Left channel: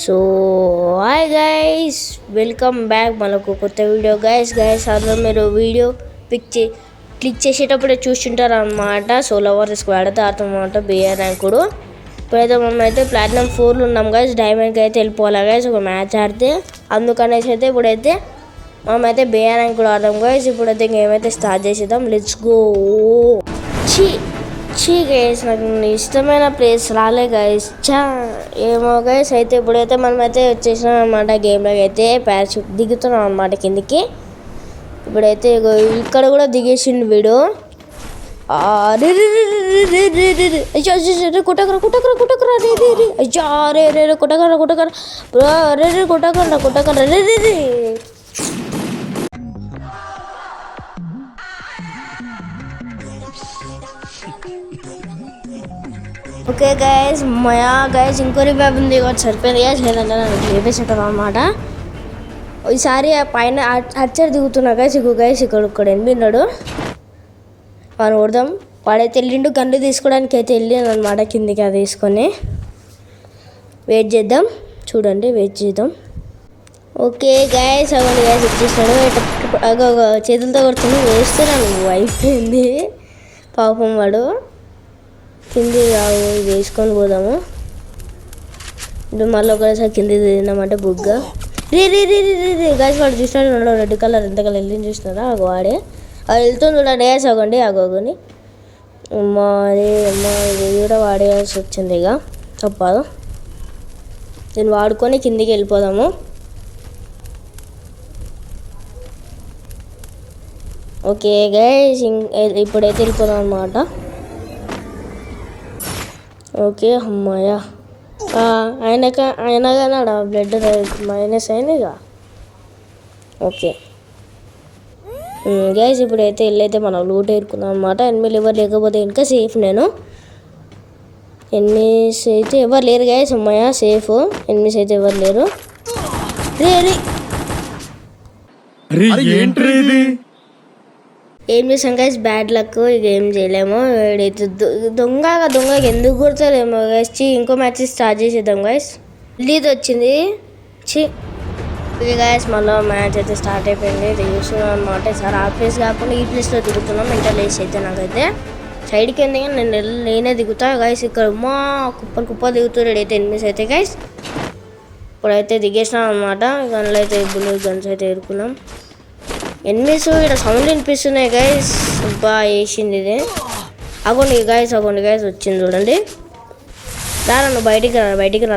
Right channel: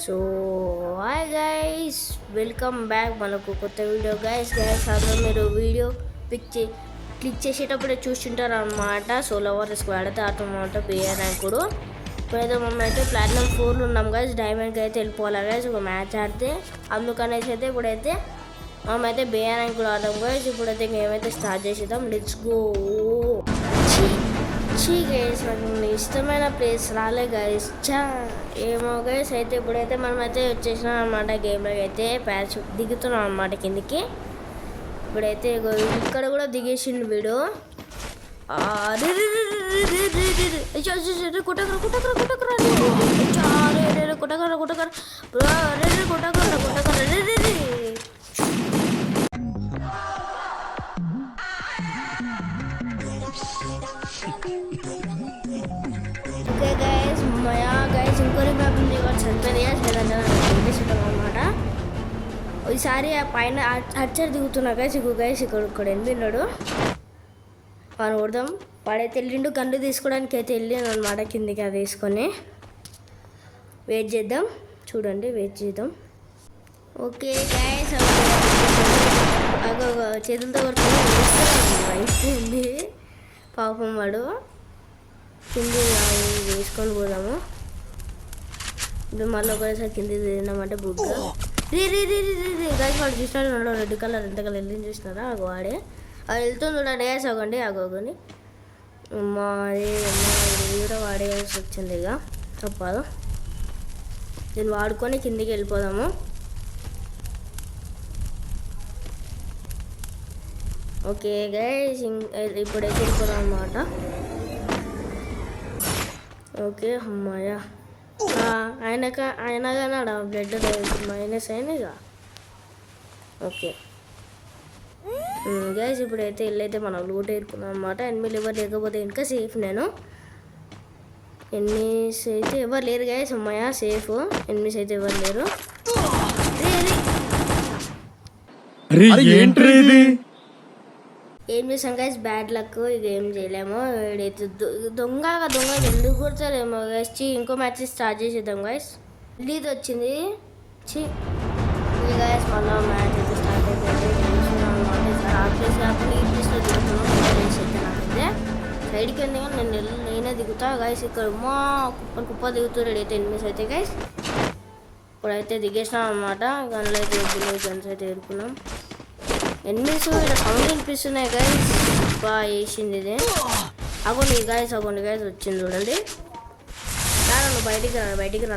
So hi guys, welcome back మనకు కొత్త video. Guys అందులో మీరు వీడియో క్లిక్ చేసేటప్పుడే చూస్తుంటారు అనమాట. సోలో వార్ స్క్వాడ్ అయితే ఆడుతామన్నమాట. బిఆర్ ర్యాంకుడు ఇప్పుడైతే మనం అయితే ప్లాటినం 4లో ఉన్నాం గైస్. డైమండ్కి అయితే వెళ్ళిపోవాలి గైస్ ఒక మ్యాచ్ ఆడితే. అందుకనేసి అయితే ఇప్పుడైతే మనమైతే బిఆర్ ర్యాంకుడు ఆడదాం గైస్. ఇప్పుడైతే గేమ్ అయితే స్టార్ట్ చేసేద్దాం. Let's go. గైస్ నాకు ఇష్టమైన ప్లేస్ రాలే గైస్. ఏమో గైస్. అయితే ఇప్పుడైతే మనమైతే వచ్చేసినాం అనమాట. గేమ్లోకి అయితే పారాషూట్ దిగుతున్నాం అనమాట కిందికి. ఇప్పుడైతే ఇక్కడ కూడా దిగేసిండు వీడు. ఓకే గైస్, గైస్ ఇంకో రివైవ్ ఉంది సరిపోయింది గైస్. లేదంటే చేపేసుకుంటాం అనమాట. ఈసారి పైన అచ్చర్ దిగుతున్నా గైస్. ఇక్కడ ఎనిమిన్నాడు. వాడిని కొడదాం. వాడైతే వెళ్ళిండు గన్ను తీసుకోవడానికి అయితే వెళ్ళాను అనమాట కిందికి. అది తీసుకొని వెయిట్ చేద్దాం. చూడండి, వెయిట్ చేద్దాం. ఓకే గైస్, చేతులతో కొడుతుంది. వేస్తున్నాను, అయిపోయింది పాపం. వాడు కింది వేసుకొని పోదాము. ఇప్పుడు మళ్ళీ ఒకసారి కింది తిన్నామంటే బుగ్గ గైస్. వాడు చూసినాడు రెడ్ కలర్, ఎంత కలర్ వెళ్ళింది చూసినారా? అగో వాడే అది వెళ్తుంది చూడండి. వేసి అవ్వండి అగోని ఇది కూడా వాడేయాల్సి వచ్చింది. ఇక తప్పదు, దీన్ని వాడుకొని కిందికి వెళ్ళిపోదాము. ఓకే గైస్, ఇప్పుడైతే వెళ్ళిపోదాం అన్నమాట. ఓకే అమ్మాయ అయినా కానీ ఆడ బ్లడ్ మైనస్ అయినాయిగా. ఓకే గైస్, ఇప్పుడైతే వెళ్ళైతే మనం లూట్ ఏరుకున్నాం అనమాట. ఎనిమిది ఎవరు లేకపోతే ఇంకా సేఫ్. నేను ఎనిమిస్ అయితే ఎవరు లేరు గైస్. అమ్మాయ సేఫ్. ఎనిమిస్ అయితే ఎవరు లేరు. ఏం చేసాం గైస్, బ్యాడ్ లక్. ఇక ఏం చేయలేము. ఇక్కడైతే దొంగగా ఎందుకు కొడతారేమో గైస్. ఇంకో మ్యాచ్ స్టార్ట్ చేసేద్దాం గైస్. లీడ్ వచ్చింది. ఇది గైస్ మళ్ళీ మ్యాచ్ అయితే స్టార్ట్ అయిపోయింది. దిగుతున్నాం అనమాట. సార్ ఆ ప్లేస్ కాకుండా ఈ ప్లేస్లో దిగుతున్నాం. ఇంకా లేస్ అయితే నాకైతే సైడ్కి ఏంది కానీ నేనే దిగుతా గైస్. ఇక్కడ మా కుప్ప దిగుతున్నాడు అయితే ఎనిమిస్ అయితే గైస్. ఇప్పుడైతే దిగేసినాం అనమాట. గన్లు అయితే గన్స్ అయితే ఎదుర్కొన్నాం. ఎనిమిస్ ఇక్కడ సౌండ్ వినిపిస్తున్నాయి గైస్. బాగా వేసింది ఇది. అగోండి గైస్ వచ్చింది చూడండి. రారా నువ్వు బయటికి రారా. బయటికి రా.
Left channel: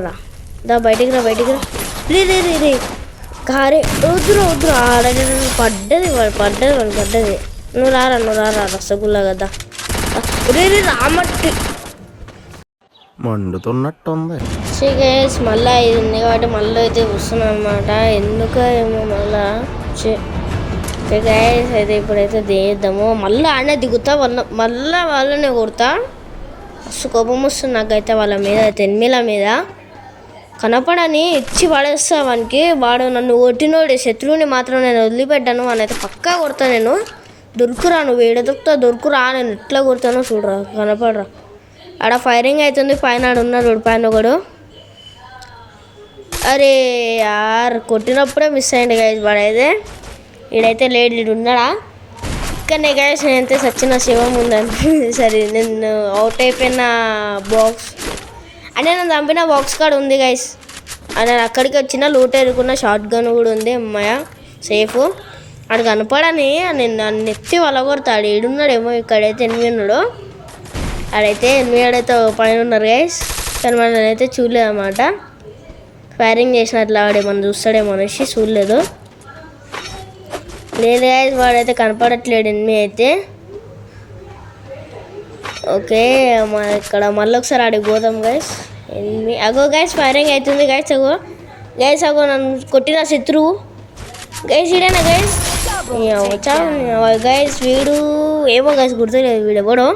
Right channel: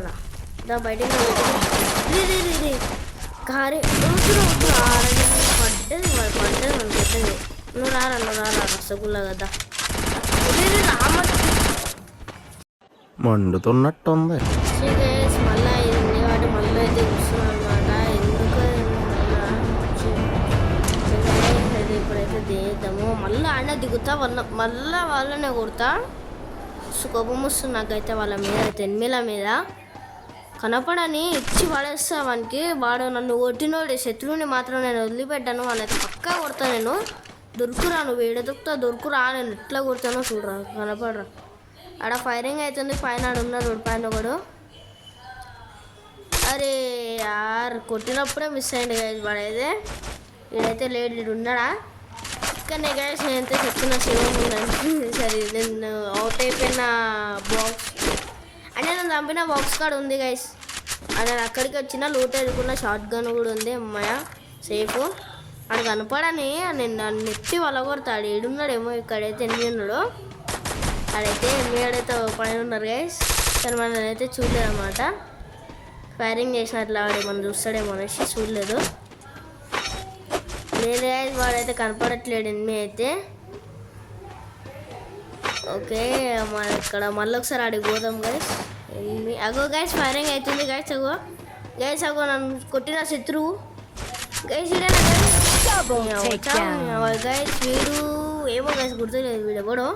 రే కారే వద్దు ఆడది పడ్డది. నువ్వు రారా రసగుల్లా కదా. రామట్టి మండుతున్నట్టుంది. గైస్ మళ్ళీ ఇది ఉంది కాబట్టి మళ్ళీ అయితే వస్తున్నాను అనమాట. ఎందుకో ఏమో మళ్ళా గైస్. అయితే ఇప్పుడైతే దిగుద్దాము. మళ్ళీ ఆడనే దిగుతా. మళ్ళీ వాళ్ళనే కొడతా. మస్తు కోపం వస్తుంది నాకైతే వాళ్ళ మీద. ఎనిమిల మీద కనపడని ఇచ్చి పడేస్తా వానికి. వాడు నన్ను కొట్టినోడు శత్రువుని మాత్రం నేను వదిలిపెట్టాను. వానైతే పక్కా కొడతా. నేను దొరుకురా, నువ్వు ఏడ దొరుకురా. నేను ఎట్లా కొడతానో చూడరా, కనపడరా. ఆడ ఫైరింగ్ అవుతుంది. పైన ఉన్నాడు పైన ఒకడు. అరే యార్, కొట్టినప్పుడే మిస్ అయ్యింది గైస్. వాడైతే ఈడైతే లేడు. ఈడు ఉన్నాడా? ఇక్కడనే గైస్. నేనైతే సచిన శివం ఉందంటే సరే నేను అవుట్ అయిపోయిన బాక్స్ అంటే నేను చంపిన బాక్స్ కాడ ఉంది గైస్. నేను అక్కడికి వచ్చిన లూట్ ఎదుర్కొన్న షార్ట్ గన్ కూడా ఉంది. అమ్మాయ సేఫ్. ఆడు కనపడని నేను నన్ను ఎత్తి వలగొడతాడు. ఈడున్నాడేమో. ఇక్కడైతే ఎనిమిది ఉన్నాడు. ఆడైతే ఎనిమిది పైన ఉన్నారు గైస్. కానీ మనం అయితే చూడలేదు అన్నమాట. ఫైరింగ్ చేసినట్లు వాడేమన్నా చూస్తాడేమో అనేసి చూడలేదు. లేదు గైస్, వాడైతే కనపడట్లేడు ఎనిమిది అయితే. ఓకే ఇక్కడ మళ్ళీ ఒకసారి ఆడికి పోదాం గైస్. అగో గైస్ ఫైరింగ్ అవుతుంది గైస్. అగో నన్ను కొట్టిన శత్రువు గైస్. ఇడేనా గైస్? గైస్ వీడు ఏమో గైస్ గుర్తులేదు. వీడు ఎవడో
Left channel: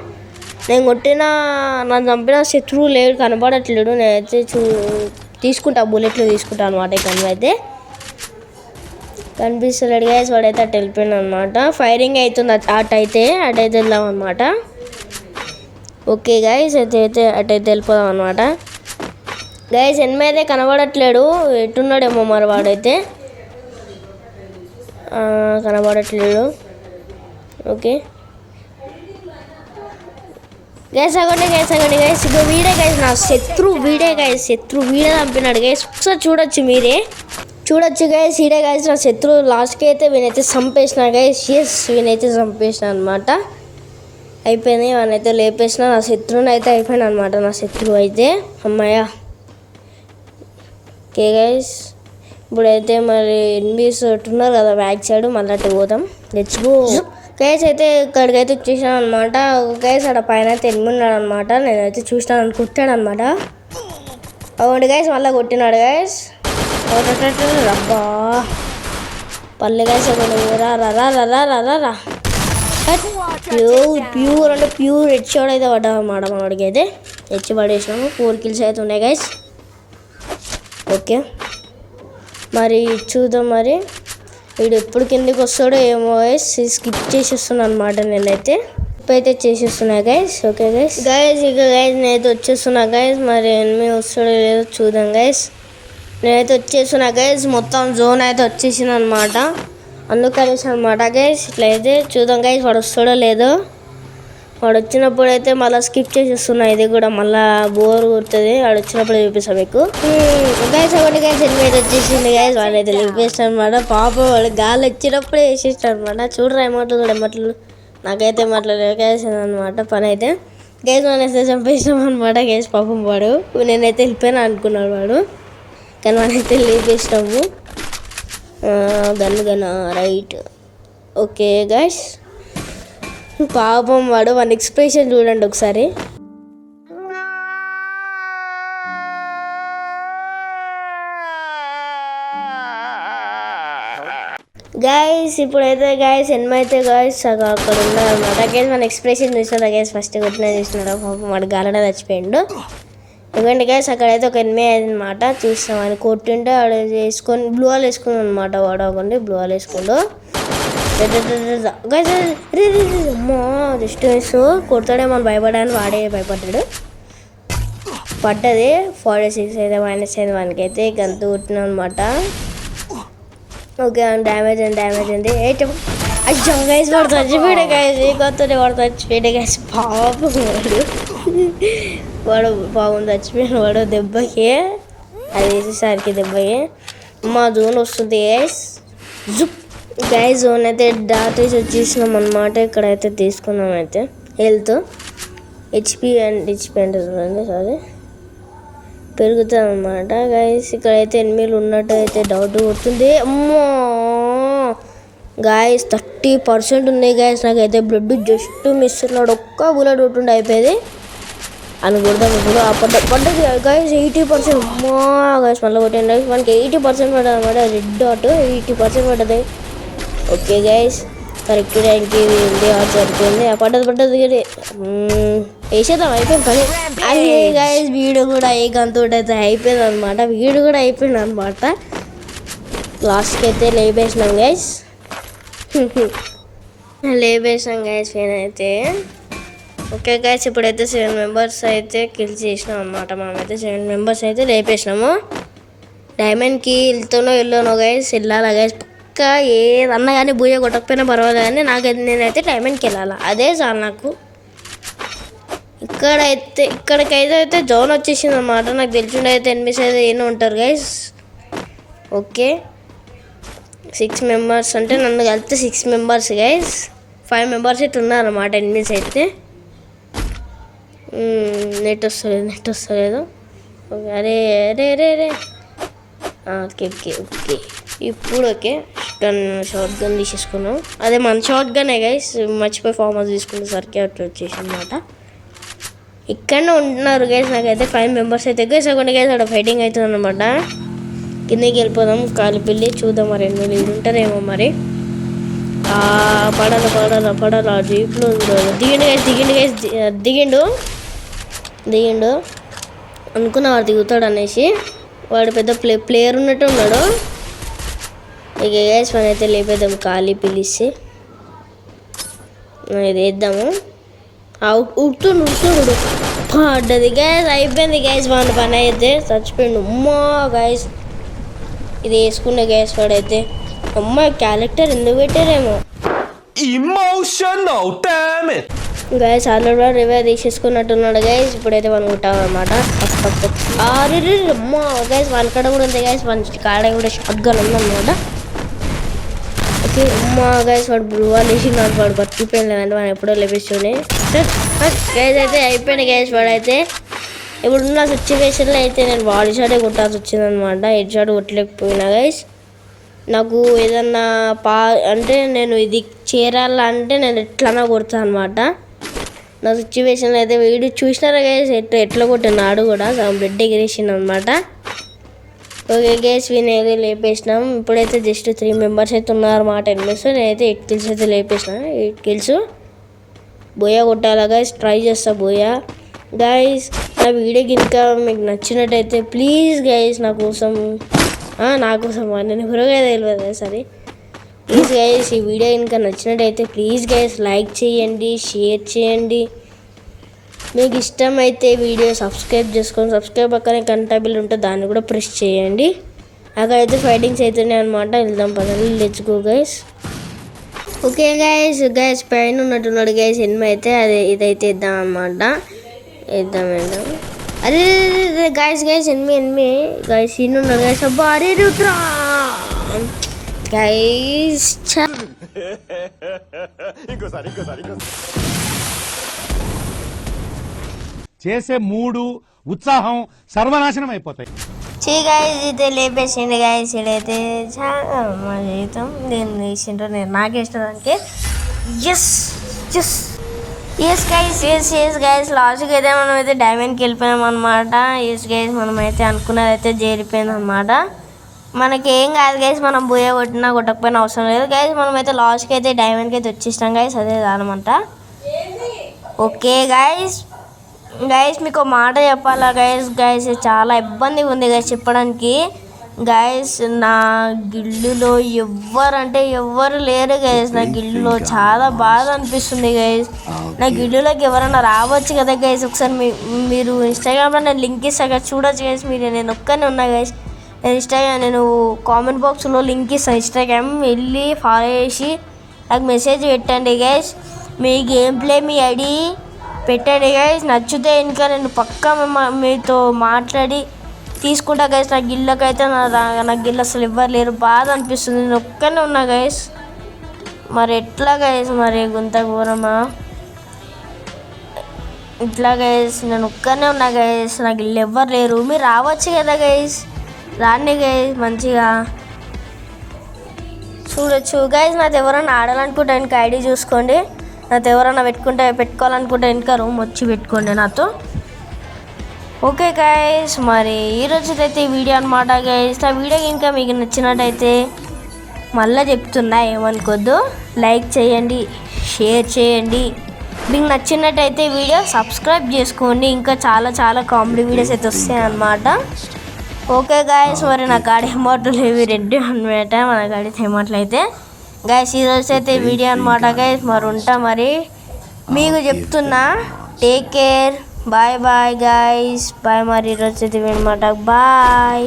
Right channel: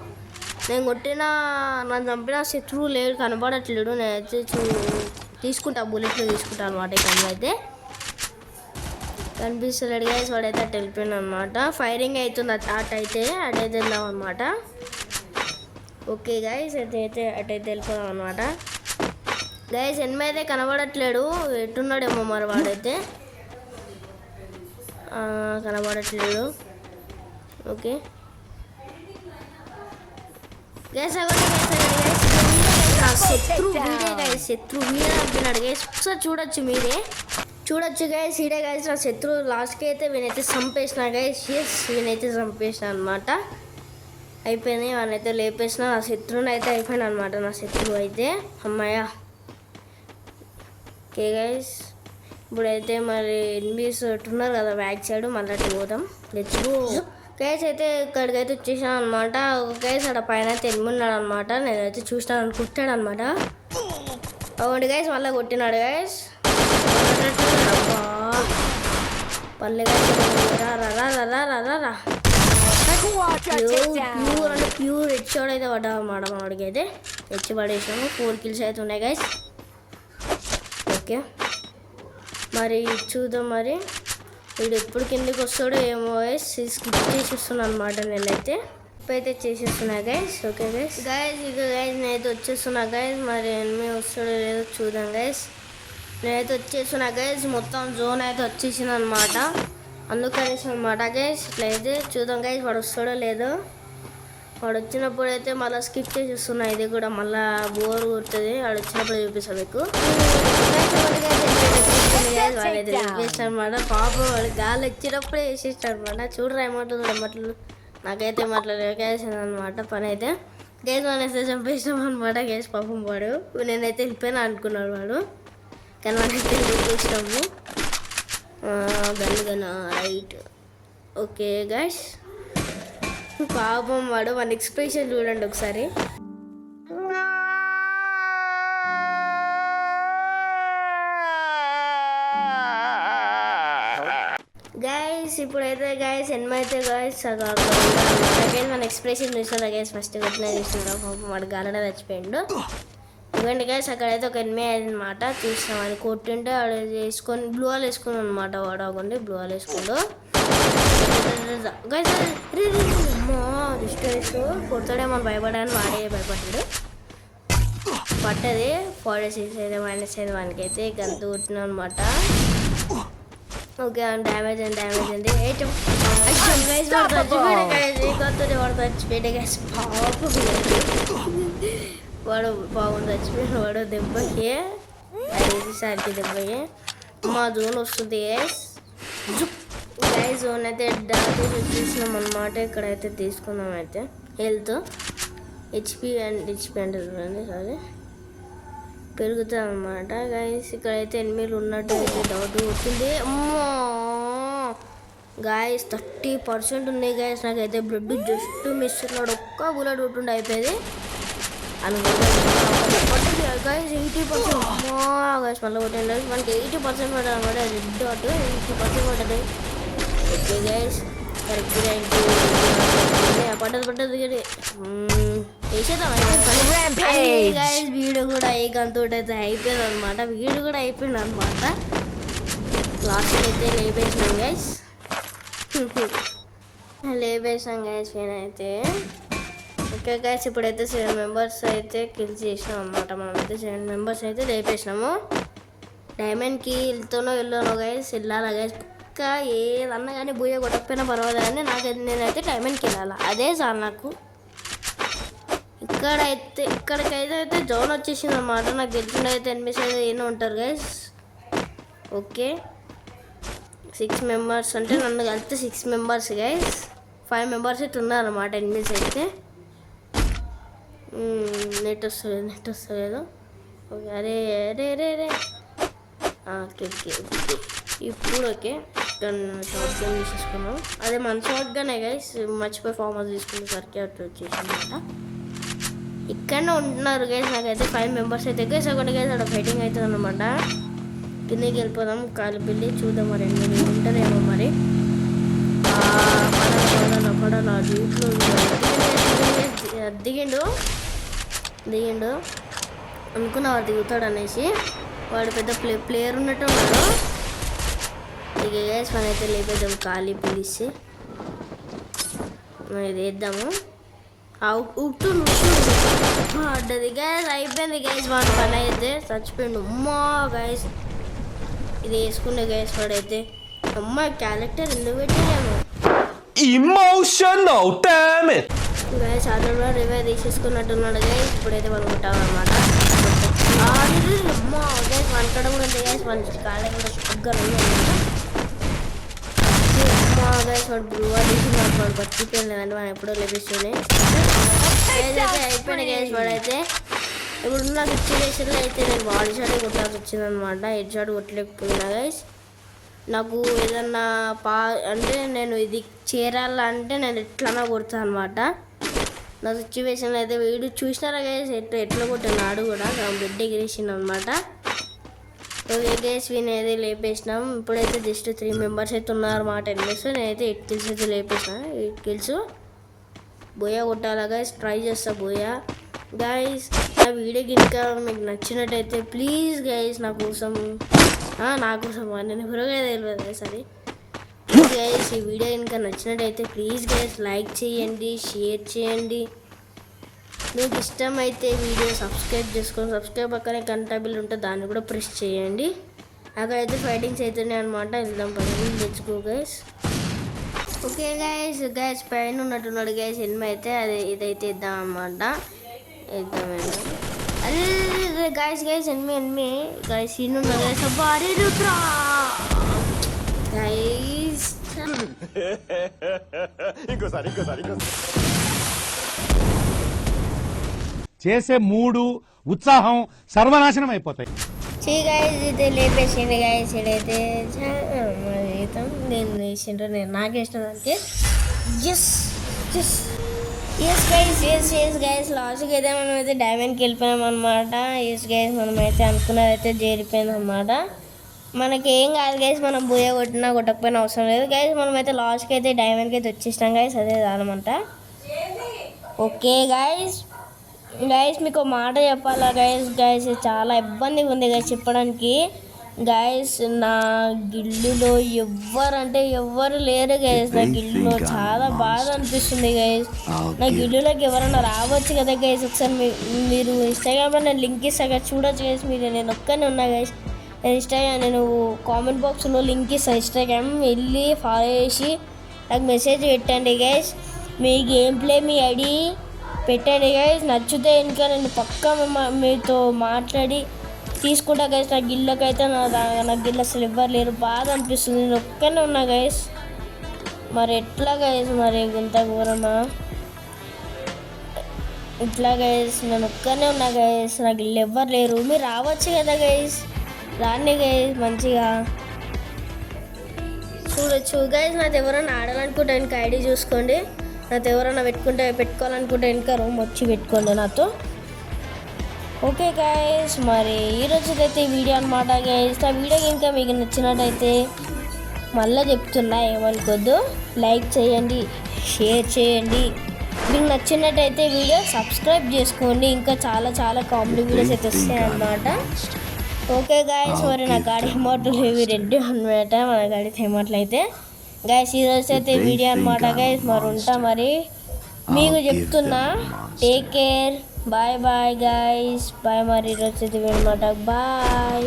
నన్ను చంపిన శత్రువు లేడు, కనపడట్లేడు. నేనైతే తీసుకుంటా, బుల్లెట్లు తీసుకుంటా అనమాట. ఇక్కడ అయితే కనిపిస్తలేడు గైస్. వాడైతే అటు వెళ్ళిపోయాడు అనమాట. ఫైరింగ్ అవుతుంది అటైతే వెళ్ళాం అనమాట. ఓకే గైస్, అటైతే వెళ్ళిపోదాం అనమాట. గైస్ ఎనిమిది అయితే కనబడట్లేడు, ఎట్టున్నాడేమో మరి వాడైతే కనబడట్లేడు. ఓకే గైస్ అగండి గైస్ ఇది వీడే గైస్, నా శత్రు వీడే చంపినాడు గైస్. ఒకసారి చూడొచ్చు గైస్, ఈడే గైస్ నా శత్రు. లాస్ట్కి అయితే వీనైతే చంపేసిన గైస్. వీనైతే చంపేసిన అనమాట. అయిపోయింది, వానైతే లేపేసిన. నా శత్రువుని అయితే అయిపోయినా అనమాట, నా శత్రువు అయితే. అమ్మాయ ఓకే గైస్, ఇప్పుడైతే మరి ఎనిమిస్ ఉన్నారు కదా బ్యాక్ సైడ్, మళ్ళీ అటు పోదాం. తెచ్చుకో గైస్ అయితే ఇక్కడికైతే వచ్చేసాను అనమాట. గైస్ అక్కడ పైన అయితే ఎనిమిది ఉన్నాడు అనమాట. నేనైతే చూసినాను, కొట్టాడు అనమాట. అవును గైస్, మళ్ళీ కొట్టినాడు గైస్. అబ్బా పల్లె గైస్, రా ప్యూర్ అంటే ప్యూర్ హెడ్ షాట్ అయితే పడ్డా అన్నమాట. వాడికి అయితే తెచ్చి పడేసాము. 4 kills అయితే ఉన్నాయి గైస్. ఓకే మరి చూద్దాం, మరి వీడు ఎప్పుడు కిందకి వస్తాడో ఏమో గైస్. స్కిప్ చేసేస్తున్నాను అనమాట నేనైతే. ఇప్పుడైతే చేసేస్తున్నా గైస్. ఓకే గైస్ ఇక గైస్ నేనైతే వచ్చేస్తున్నా గైస్. మరి ఎనిమిది వస్తాడో లేదో చూద్దాం గైస్. నేనైతే వచ్చేస్తున్నా గైస్. మొత్తం జోన్ అయితే వచ్చేసింది అనమాట, అందుకనేసి అనమాట గైస్. ఇట్లయితే చూద్దాం గైస్ వాడు వస్తాడో లేదో. వాడు వచ్చినప్పుడు అయితే మళ్ళీ స్కిప్ చేసేస్తున్నా. ఇది కూడా మళ్ళీ బోర్ కొడుతుంది. వాడు వచ్చినప్పుడు చూపిస్తాను మీకు గైస్. ఒకటి గైస్ వచ్చేసింది గైస్. వాడైతే చూపిస్తాను అనమాట. పాపం వాడు గాలి వచ్చినప్పుడే వేసేస్తాడు అనమాట. చూడరా ఏమాటలు నాకైతే మాట్లాడలేదు గైస్ అనమాట. పని అయితే గైస్ మనైతే చంపేసాం అనమాట గైస్. పాపం వాడు, నేనైతే వెళ్ళిపోయినా అనుకున్నాడు వాడు, కానీ మనైతే లేపేస్తాము. Gun right. ఓకే గైస్, పాపం వాడు మన ఎక్స్ప్రెషన్ చూడండి ఒకసారి. గైస్ ఇప్పుడైతే గైస్ ఎన్నైతే గైస్ అక్కడ మన ఎక్స్ప్రెషన్ చూస్తున్నా గైస్. ఫస్ట్ కొట్టినా చూస్తున్నాడు, పాపం వాడు గాలనే చచ్చిపోయిండు. ఎందుకంటే గైస్ అక్కడైతే ఒక ఎనిమిది అయిందనమాట. చూస్తాం అని కొట్టింటే వాడు వేసుకొని బ్లూ వాల్ వేసుకున్నాడు అనమాట. వాడు అవ్వండి బ్లూ వాల్ వేసుకుండు గైస్. అమ్మా జస్ట్ వేస్తూ కొడతాడేమో భయపడాలని వాడే భయపడ్డాడు. పడ్డది 46 అయితే మైనస్ అయింది వానికి అయితే. గంతు కొట్టినాం అనమాట. ఓకే డ్యామేజ్ ఉంది. అయ్యో గైస్ వాడు చచ్చిపోయాడు గైస్. ఈ కొత్తనే వాడు చచ్చిపోయాడు గైస్. వాడు బాగుంది చచ్చిపోయాడు వాడు దెబ్బకి. అది వేసేసరికి దెబ్బకి మా జోన్ వస్తుంది గైస్. గైస్ జోన్ అయితే దాటేసి వచ్చేసినాం అనమాట. ఇక్కడైతే తీసుకున్నాం అయితే హెల్త్ హెచ్పి అంటే చూడండి సారీ పెరుగుతుంది అనమాట గైస్. ఇక్కడైతే ఎనిమిది ఉన్నట్టు అయితే డౌట్ కొడుతుంది. అమ్మో గాయస్ 30% ఉన్నాయి గాయస్. నాకైతే బ్లడ్ జస్ట్ మిస్ ఉన్నాడు. ఒక్క బుల్లెట్ కొట్టుండే అయిపోయేది అనుకుంటాను. పడ్డది గాయస్ 80%. అమ్మా గాయస్ మళ్ళీ కొట్టింది. మనకి 80% పడ్డది అనమాట. రెడ్ డాట్ 80% పడ్డది. ఓకే గైస్ కరెక్ట్ టైంకి సరిపోయింది. పడ్డది వేసేద్దాం అయిపోయింది గైస్. వీడియో కూడా ఏ గంతోటి అయితే అయిపోయింది అనమాట. వీడియో కూడా అయిపోయింది అనమాట. లాస్ట్కి అయితే లేపేసినాం గైస్. లేపేసినాం గైస్ నేనైతే. ఓకే గైస్ ఇప్పుడైతే 7 members అయితే కిల్ చేసినాం అనమాట. మనమైతే 7 members అయితే లేపేసినాము. డైమండ్కి వెళ్ళానో గైస్, వెళ్ళాలా గైస్ పక్కా. ఏదన్నా కానీ బూయ కొట్టకపోయినా పర్వాలేదు కానీ నేనైతే డైమండ్కి వెళ్ళాలా, అదే చాలు నాకు. ఇక్కడికైతే జోన్ వచ్చేసింది అనమాట. నాకు తెలిసిండే అయితే ఎనిమిస్ అయితే ఏమో ఉంటారు గైస్. ఓకే 6 members అంటే నన్ను కలిపితే 6 members గైస్. 5 members అయితే ఉన్నారన్నమాట ఎనిమిస్ అయితే. నెట్ వస్తలేదు. ఓకే అరే ఓకే ఇప్పుడు ఓకే షార్ట్ గన్ తీసేసుకున్నాం. అదే మన షార్ట్ గన్ గైస్. మర్చిపోయి ఫార్మర్స్ తీసుకునే సరికి అట్లా వచ్చేసి అనమాట. ఇక్కడనే ఉంటున్నారు గైస్. నాకైతే 5 members అయితే గైస్. అక్కడ గైస్ అక్కడ ఫైటింగ్ అవుతుంది అనమాట. కిందకి వెళ్ళిపోదాం కాలిపిల్లి చూద్దాం. మరి మీరు ఉంటారేమో మరి. పడాలా జీప్లో దిగిండు అనుకున్న వాడు దిగుతాడు అనేసి. వాడు పెద్ద ప్లేయర్ ఉన్నట్టు ఉన్నాడు. ఇక గైస్ మనం అయితే లేపేద్దాం ఖాళీ పిలిచి. ఇది వేద్దాము. ఉడుతుడు పడ్డది గ్యాస్, అయిపోయింది గ్యాస్. వాళ్ళ పని అయితే చచ్చిపోయింది. అమ్మా గ్యాస్, ఇది వేసుకునే గ్యాస్ వాడైతే. అమ్మ క్యారెక్టర్ ఎందుకు పెట్టారేమో Emotional, damn it! Gas already కూడా రివైవ్ తీసేసుకున్నట్టున్నాడు గ్యాస్. ఇప్పుడైతే మనం ఉంటాం అనమాట. అమ్మ గ్యాస్ వాళ్ళ కాడ కూడా ఉంది గ్యాస్, మన కాడ కూడా షాట్గా ఉందన్నమాట. అమ్మ గ్యాస్ వాడు బ్లూవా తీసి వాడు బతికిపోయింది అంటే మనం ఎప్పుడో లభిస్తుంది గ్యాస్. అయితే అయిపోయింది గ్యాస్ వాడైతే. ఇప్పుడున్న సిచ్యువేషన్లో అయితే నేను వాల్ షాటే కొట్టాల్సి వచ్చిందనమాట. హెడ్ షాట్ కొట్టలేకపోయినా గైస్. నాకు ఏదన్నా అంటే నేను ఇది చేరాలంటే నేను ఎట్లన్నా కొడతాను అనమాట. నా సిచ్యువేషన్లో అయితే వీడియో చూసినారా గైస్, ఎట్లా కొట్టినాడు కూడా బెడ్ ఎగిరేసింది అనమాట. ఓకే గైస్, వీని అయితే లేపేసినాం. ఇప్పుడైతే జస్ట్ 3 మెంబర్స్ అయితే ఉన్నారన్నమాట ఎనిమిస్. నేనైతే 8 కిల్స్ అయితే లేపేసిన. 8 కిల్స్ బోయా కొట్టాలా గైస్, ట్రై చేస్తా బోయా. గైస్ నా వీడియో ఇంకా మీకు నచ్చినట్టయితే ప్లీజ్ గైస్ నా కోసం నేను హురగా తెలియదు గైస్, అది ప్లీజ్ గైస్. ఈ వీడియో ఇంకా నచ్చినట్టయితే ప్లీజ్ గైస్ లైక్ చేయండి, షేర్ చేయండి. మీకు ఇష్టమైతే వీడియో సబ్స్క్రైబ్ చేసుకోండి. సబ్స్క్రైబ్ పక్కనే గంట బిల్ ఉంటుంది, దాన్ని కూడా ప్రెస్ చేయండి. అక్కడైతే ఫైటింగ్స్ అవుతున్నాయి అనమాట. వెళ్దాం పదండి, let's go guys. Okay guys పైన ఉన్నట్టున్నాడు గైస్ ఎనిమి అయితే. ఇదైతే ఇద్దాం అనమాట. ఇద్దాం అరే గైస్ ఎనిమి గైస్ ఇన్నున్నాడు గైస్. అబ్బా అరే రుద్రా గైస్. చేసే మూడు ఉత్సాహం సర్వనాశనం అయిపోతాయి. గైస్ అయితే లేపేసిండు గైస్. ఇడైతే చాలా మా జీవితం నేను వేసిండ్రు, నేను నాకే ఇష్టం దానికి. ఎస్ గైస్ లాస్ట్కి అయితే మనం అయితే డైమండ్కి వెళ్ళిపోయాం అనమాట. ఎస్ గైస్ మనం అయితే అనుకున్నది అయితే చేరిపోయింది అనమాట. మనకి ఏం కాదు గైస్, మనం బోయ కొట్టినా కొట్టకపోయినా అవసరం లేదు గైస్. మనం అయితే లాస్ట్కి అయితే డైమండ్కి అయితే వచ్చేసినాం గైస్, అదే అనమాట. ఓకే గైస్ మీకు మాట చెప్పాలా గైస్ చాలా ఇబ్బందిగా ఉంది గైస్ చెప్పడానికి. గైస్ నా గిల్లులో ఎవ్వరు లేరు గైస్. నా గిల్లులో చాలా బాధ అనిపిస్తుంది గైస్. నా గిల్లులోకి ఎవరైనా రావచ్చు కదా గైస్. ఒకసారి మీరు ఇన్స్టాగ్రామ్లో నేను లింక్ ఇస్తాను కదా, చూడొచ్చు గైస్. నేను ఒక్కనే ఉన్నా గైస్. నేను కామెంట్ బాక్స్లో లింక్ ఇస్తాను. ఇన్స్టాగ్రామ్ వెళ్ళి ఫాలో చేసి నాకు మెసేజ్ పెట్టండి గైస్. మీ గేమ్ ప్లే మీ ఐడి పెట్టండి గైస్. నచ్చితే ఇంకా నేను పక్కా మీతో మాట్లాడి తీసుకుంటా గైస్. నా గిల్లకైతే నా గిల్ల అసలు ఎవ్వరు లేరు, బాధ అనిపిస్తుంది. నేను ఒక్కనే ఉన్నా గైస్. మరి ఎట్లా గైస్, మరి గుంత ఘోరమా ఇట్లా గైస్. నేను ఒక్కనే ఉన్నా గైస్, నా గిల్ల ఎవ్వరు లేరు. మీరు రావచ్చు కదా గైస్, రాండి గైస్. మంచిగా చూడొచ్చు గైస్. నాతో ఎవరైనా ఆడాలనుకుంటే ఇంకా ఐడి చూసుకోండి. నాతో ఎవరైనా పెట్టుకోవాలనుకుంటే ఇంకా రూమ్ వచ్చి పెట్టుకోండి నాతో. ఓకే గైస్, మరి ఈరోజు అయితే ఈ వీడియో అనమాట గైస్. ఆ వీడియో ఇంకా మీకు నచ్చినట్టయితే మళ్ళీ చెప్తున్నా, ఏమనుకోద్దు, లైక్ చేయండి, షేర్ చేయండి. మీకు నచ్చినట్టయితే వీడియో సబ్స్క్రైబ్ చేసుకోండి. ఇంకా చాలా కామెడీ వీడియోస్ అయితే వస్తాయి అన్నమాట. ఓకే గైస్, మరి నా గాడి అమౌంట్లు ఇవి రెడ్డి అనమాట. మన గాడి అమౌంట్లు అయితే గైస్ ఈరోజు అయితే వీడియో అనమాట గైస్. మరి ఉంటా, మరి మీకు చెప్తున్నా, take care, bye guys, bye. మరి ఈరోజు అయితే అనమాట, బాయ్.